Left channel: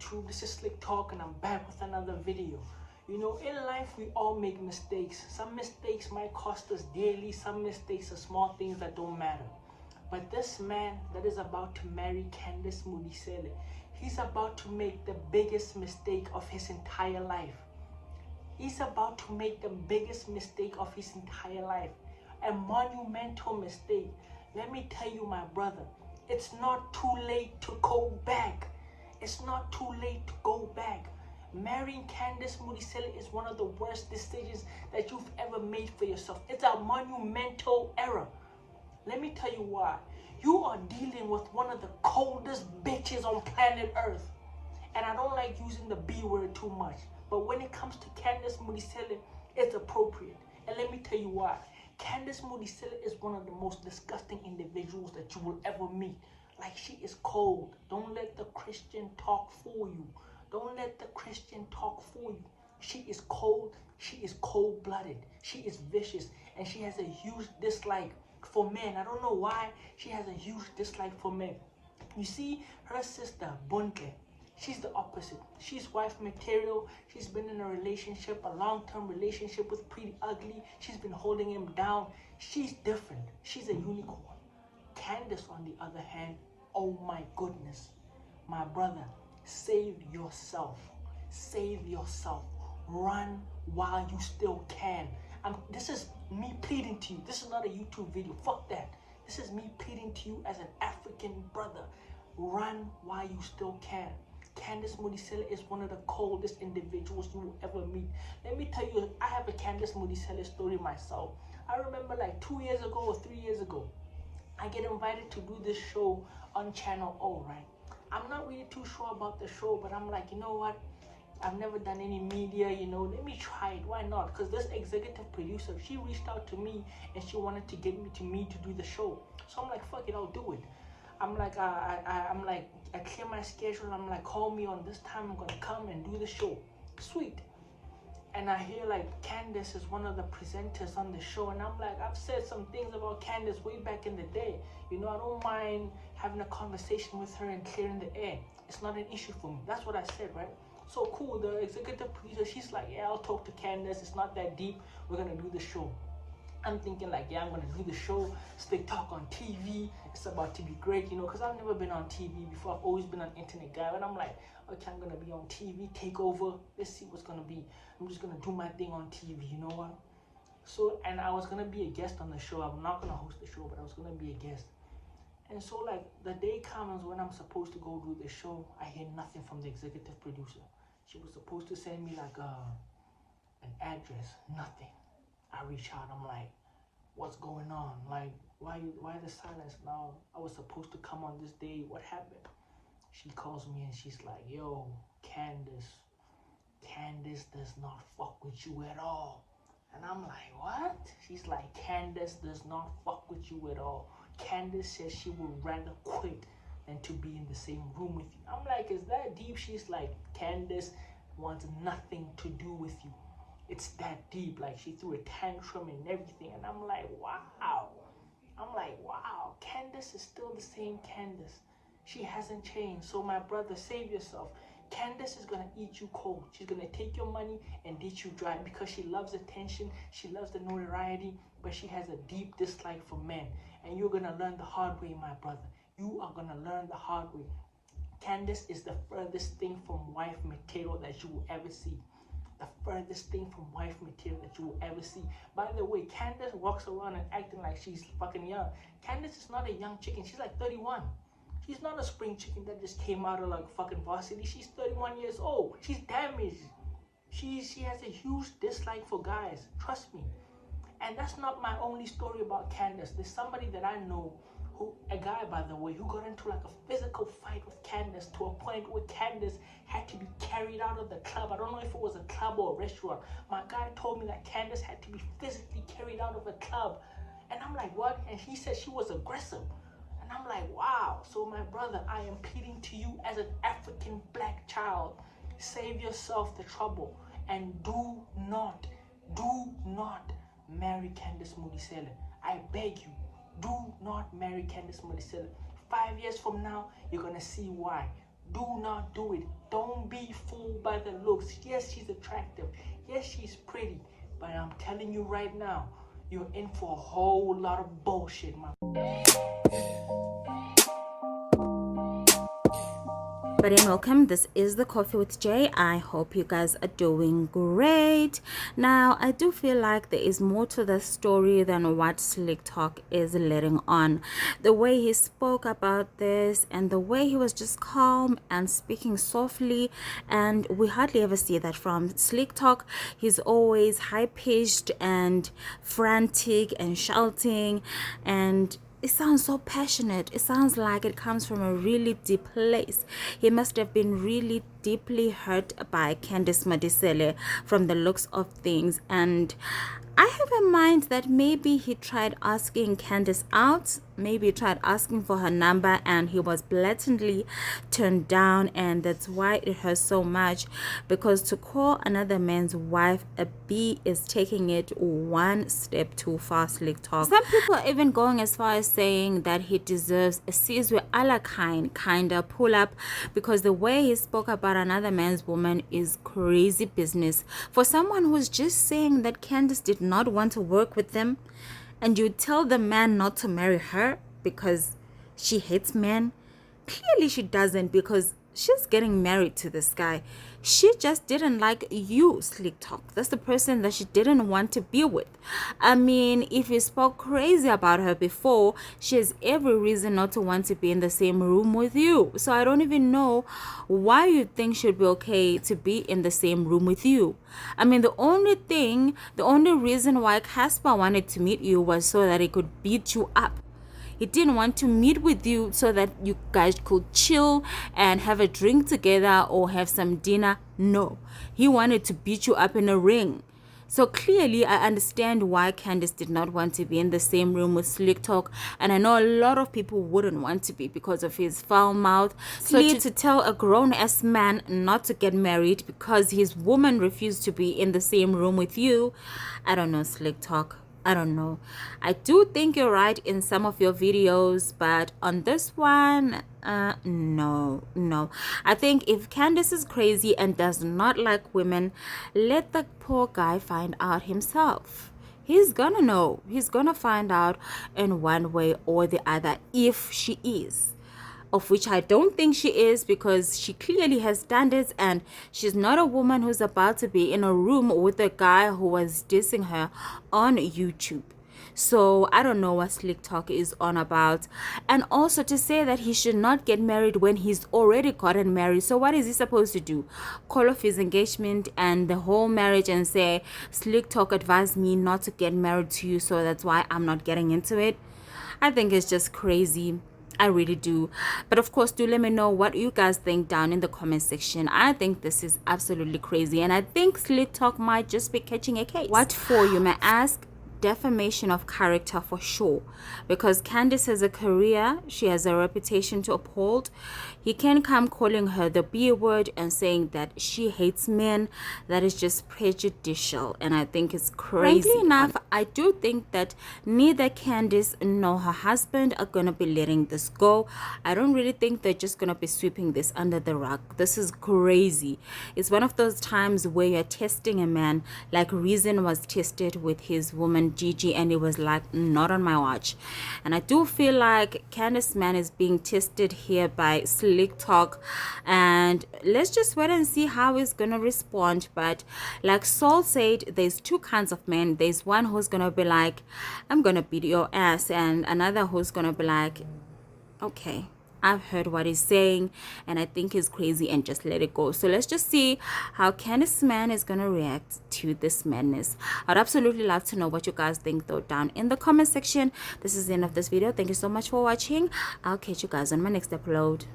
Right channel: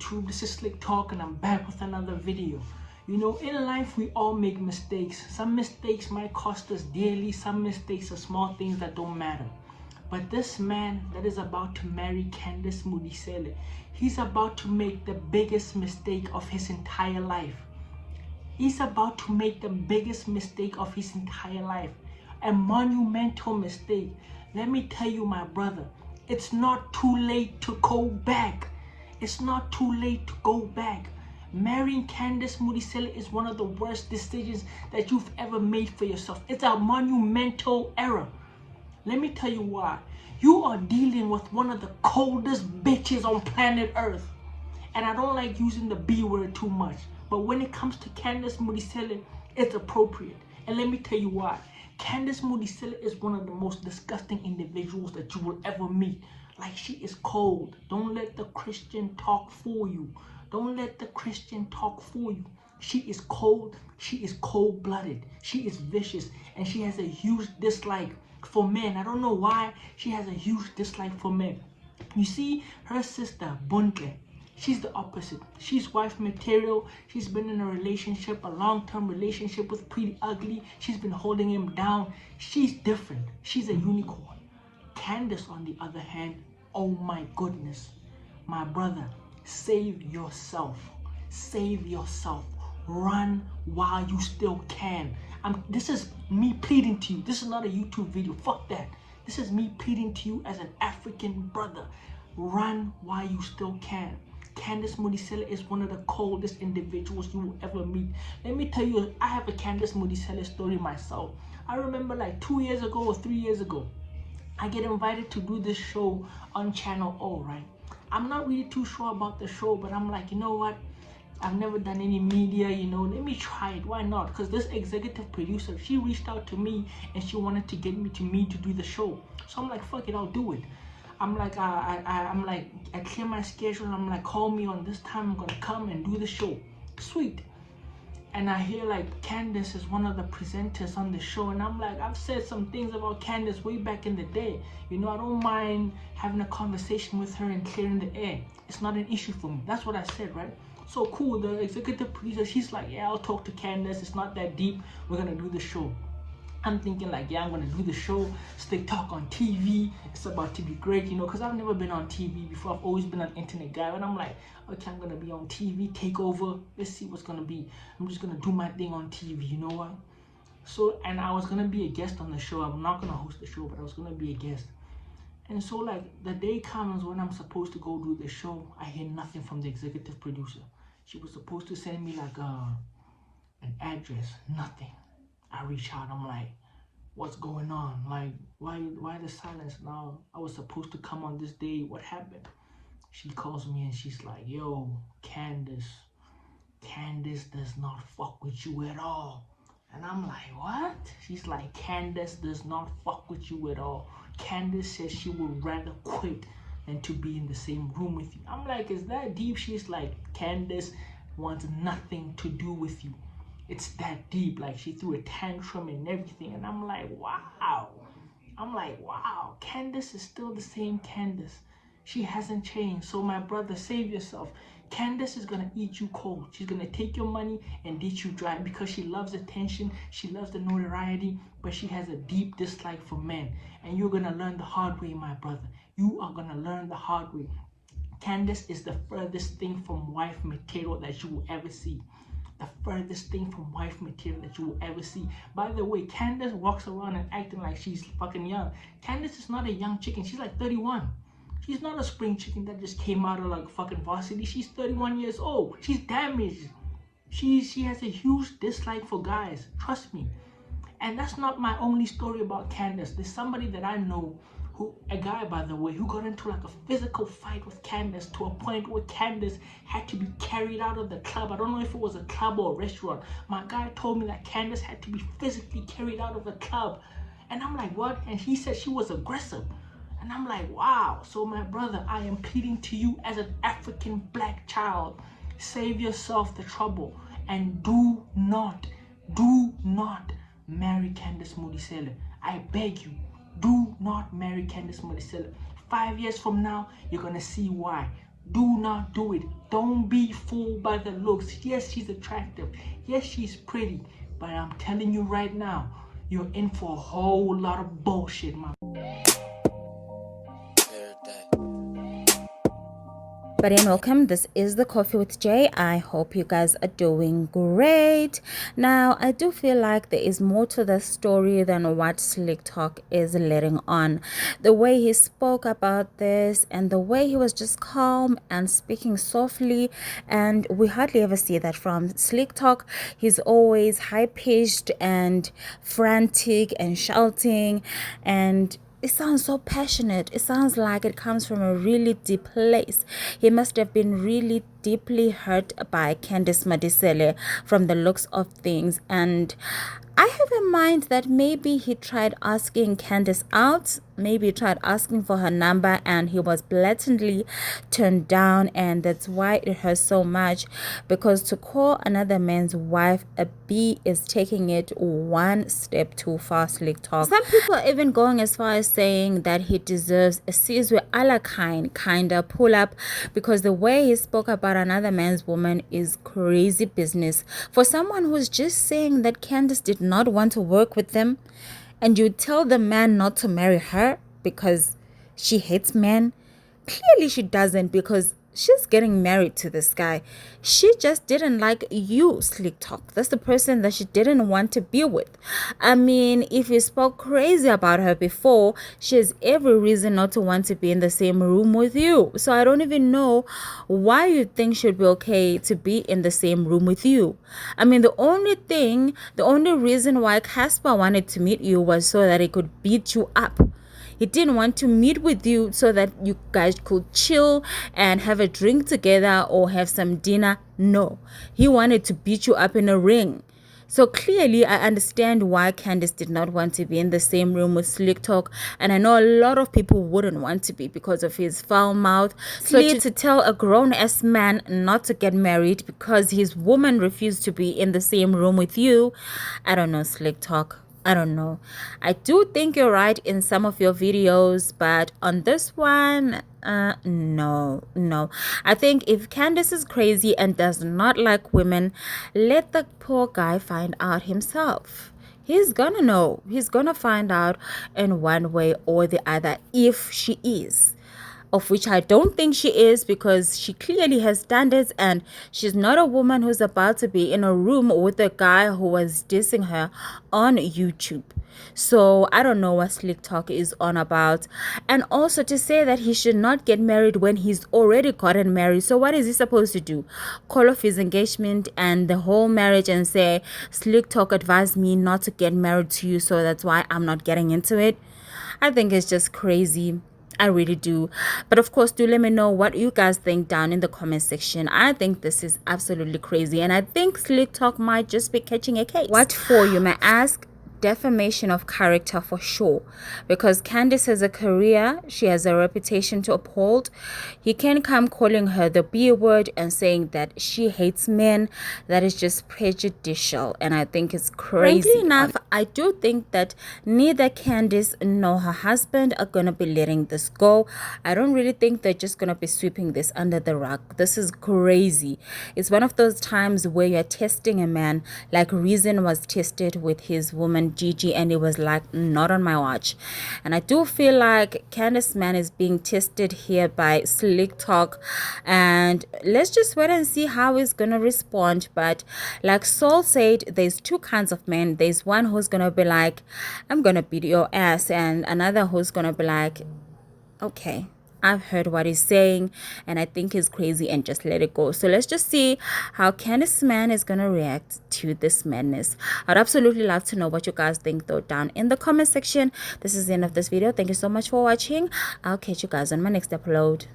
YouTube? This is Slik Talk and I'm back with another video. You know, in life we all make mistakes. Some mistakes might cost us dearly. Some mistakes are small things that don't matter. But this man that is about to marry Candice Modiselle, he's about to make the biggest mistake of his entire life. He's about to make the biggest mistake of his entire life. A monumental mistake. Let me tell you, my brother, it's not too late to go back. It's not too late to go back. Marrying Candice Modiselle is one of the worst decisions that you've ever made for yourself. It's a monumental error. Let me tell you why. You are dealing with one of the coldest bitches on planet Earth. And I don't like using the B word too much. But when it comes to Candice Modiselle, it's appropriate. And let me tell you why. Candice Modiselle is one of the most disgusting individuals that you will ever meet. Like, she is cold. Don't let the Christian talk fool you. Don't let the Christian talk fool you. She is cold. She is cold-blooded. She is vicious. And she has a huge dislike for men. I don't know why she has a huge dislike for men. You see, her sister, Bunke, she's the opposite. She's wife material. She's been in a relationship, a long-term relationship with Pretty Ugly. She's been holding him down. She's different. She's a unicorn. Candice, on the other hand, oh my goodness. My brother, save yourself. Save yourself. Run while you still can. This is me pleading to you. This is not a YouTube video. Fuck that. This is me pleading to you as an African brother. Run while you still can. Candice Modiselle is one of the coldest individuals you will ever meet. Let me tell you, I have a Candice Modiselle story myself. I remember like 2 years ago or 3 years ago, I get invited to do this show on Channel O, right? I'm not really too sure about the show, but I'm like, you know what? I've never done any media, you know, let me try it. Why not? Because this executive producer, she reached out to me and she wanted to get me to do the show. So I'm like, fuck it, I'll do it. I'm like, I clear my schedule. I'm like, call me on this time. I'm gonna come and do the show. Sweet. And I hear like Candice is one of the presenters on the show, and I'm like, I've said some things about Candice way back in the day. You know, I don't mind having a conversation with her and clearing the air. It's not an issue for me. That's what I said, right? So cool. The executive producer, she's like, yeah, I'll talk to Candice. It's not that deep. We're gonna do the show. I'm thinking like, yeah, I'm gonna do the show, Slik Talk on TV. It's about to be great, you know, because I've never been on TV before. I've always been an internet guy, and I'm like, okay, I'm gonna be on TV, take over. Let's see what's gonna be. I'm just gonna do my thing on TV, you know what? So, and I was gonna be a guest on the show. I'm not gonna host the show, but I was gonna be a guest. And so, like, the day comes when I'm supposed to go do the show. I hear nothing from the executive producer. She was supposed to send me like an address, nothing. I reach out, I'm like, what's going on? Like, why the silence now? I was supposed to come on this day. What happened? She calls me and she's like, yo, Candice does not fuck with you at all. And I'm like, what? She's like, Candice does not fuck with you at all. Candice says she would rather quit than to be in the same room with you. I'm like, is that deep? She's like, Candice wants nothing to do with you. It's that deep. Like, she threw a tantrum and everything. And I'm like, wow. Candice is still the same Candice. She hasn't changed. So my brother, save yourself. Candice is going to eat you cold. She's going to take your money and ditch you dry because she loves attention. She loves the notoriety, but she has a deep dislike for men. And you're going to learn the hard way, my brother. You are going to learn the hard way. Candice is the furthest thing from wife material that you will ever see. The furthest thing from wife material that you will ever see. By the way, Candice walks around and acting like she's fucking young. Candice is not a young chicken. She's like 31. She's not a spring chicken that just came out of like fucking varsity. She's 31 years old. She's damaged. She has a huge dislike for guys. Trust me. And that's not my only story about Candice. There's somebody that I know, a guy by the way, who got into like a physical fight with Candice to a point where Candice had to be carried out of the club. I don't know if it was a club or a restaurant. My guy told me that Candice had to be physically carried out of the club. And I'm like, what? And he said she was aggressive. And I'm like, wow. So my brother, I am pleading to you as an African black child, save yourself the trouble and do not marry Candice Modiselle. I beg you. Do not marry Candice Modiselle. 5 years from now, you're going to see why. Do not do it. Don't be fooled by the looks. Yes, she's attractive. Yes, she's pretty. But I'm telling you right now, you're in for a whole lot of bullshit, my. But and welcome. This is the Coffee with Jay. I hope you guys are doing great. Now, I do feel like there is more to the story than what Slik Talk is letting on. The way he spoke about this and the way he was just calm and speaking softly, and we hardly ever see that from Slik Talk. He's always high-pitched and frantic and shouting, and it sounds so passionate. It sounds like it comes from a really deep place. He must have been really deeply hurt by Candice Modiselle from the looks of things. And I have in mind that maybe he tried asking Candice out. Maybe he tried asking for her number and he was blatantly turned down, and that's why it hurts so much, because to call another man's wife a B is taking it one step too far, Slik Talk. Some people are even going as far as saying that he deserves a Sizwe Alakine kind of pull up, because the way he spoke about another man's woman is crazy business. For someone who's just saying that Candice did not want to work with them, and you tell the man not to marry her because she hates men. Clearly she doesn't, because she's getting married to this guy. She just didn't like you, Slik Talk. That's the person that she didn't want to be with. I mean, if you spoke crazy about her before, she has every reason not to want to be in the same room with you. So I don't even know why you think she'd be okay to be in the same room with you. I mean, the only reason why Casper wanted to meet you was so that he could beat you up. He didn't want to meet with you so that you guys could chill and have a drink together or have some dinner. No, he wanted to beat you up in a ring. So clearly, I understand why Candice did not want to be in the same room with Slik Talk. And I know a lot of people wouldn't want to be because of his foul mouth. So to tell a grown-ass man not to get married because his woman refused to be in the same room with you, I don't know, Slik Talk. I don't know. I do think you're right in some of your videos, but on this one, no. I think if Candice is crazy and does not like women, let the poor guy find out himself. He's gonna know. He's gonna find out in one way or the other if she is, of which I don't think she is, because she clearly has standards and she's not a woman who's about to be in a room with a guy who was dissing her on YouTube. So I don't know what Slik Talk is on about. And also to say that he should not get married when he's already gotten married. So what is he supposed to do? Call off his engagement and the whole marriage and say, Slik Talk advised me not to get married to you, so that's why I'm not getting into it? I think it's just crazy. I really do. But of course, do let me know what you guys think down in the comment section. I think this is absolutely crazy, and I think Slik Talk might just be catching a case. What for, you may ask? Defamation of character for sure, because Candice has a career, she has a reputation to uphold. He can come calling her the B word and saying that she hates men. That is just prejudicial, and I think it's crazy. Frankly enough, I do think that neither Candice nor her husband are gonna be letting this go. I don't really think they're just gonna be sweeping this under the rug. This is crazy. It's one of those times where you're testing a man like Reason was tested with his woman Gigi, and it was like, not on my watch. And I do feel like Candice man is being tested here by Slik Talk, and let's just wait and see how he's gonna respond. But like Saul said, there's two kinds of men. There's one who's gonna be like, I'm gonna beat your ass, and another who's gonna be like, okay, I've heard what he's saying and I think he's crazy, and just let it go. So let's just see how Candice man is gonna react to this madness. I'd absolutely love to know what you guys think though down in the comment section. This is the end of this video. Thank you so much for watching. I'll catch you guys on my next upload.